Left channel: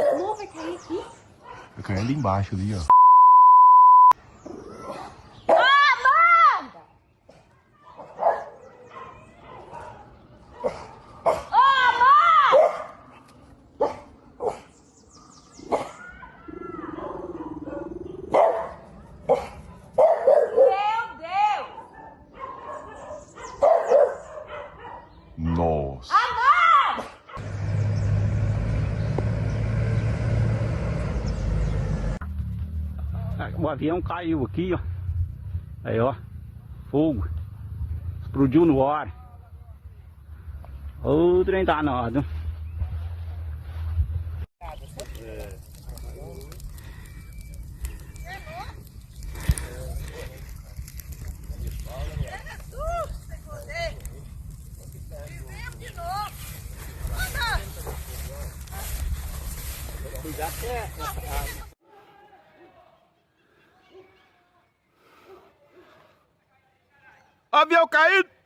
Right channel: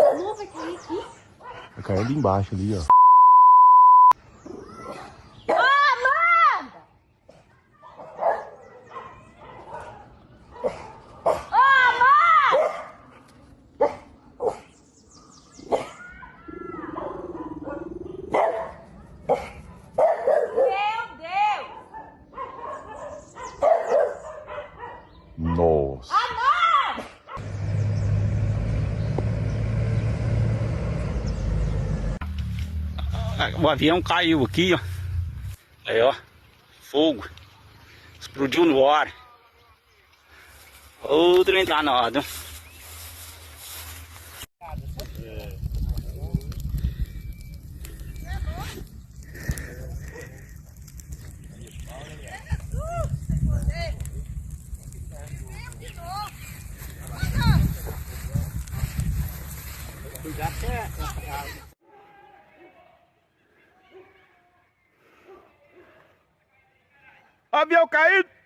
Não, vai cair aqui. Vai cair ali embaixo, ali, ó. Nossa. O avião caiu aqui, ó. Aí, ó. Fogo. Explodiu no ar. O trem danado. Avião caído!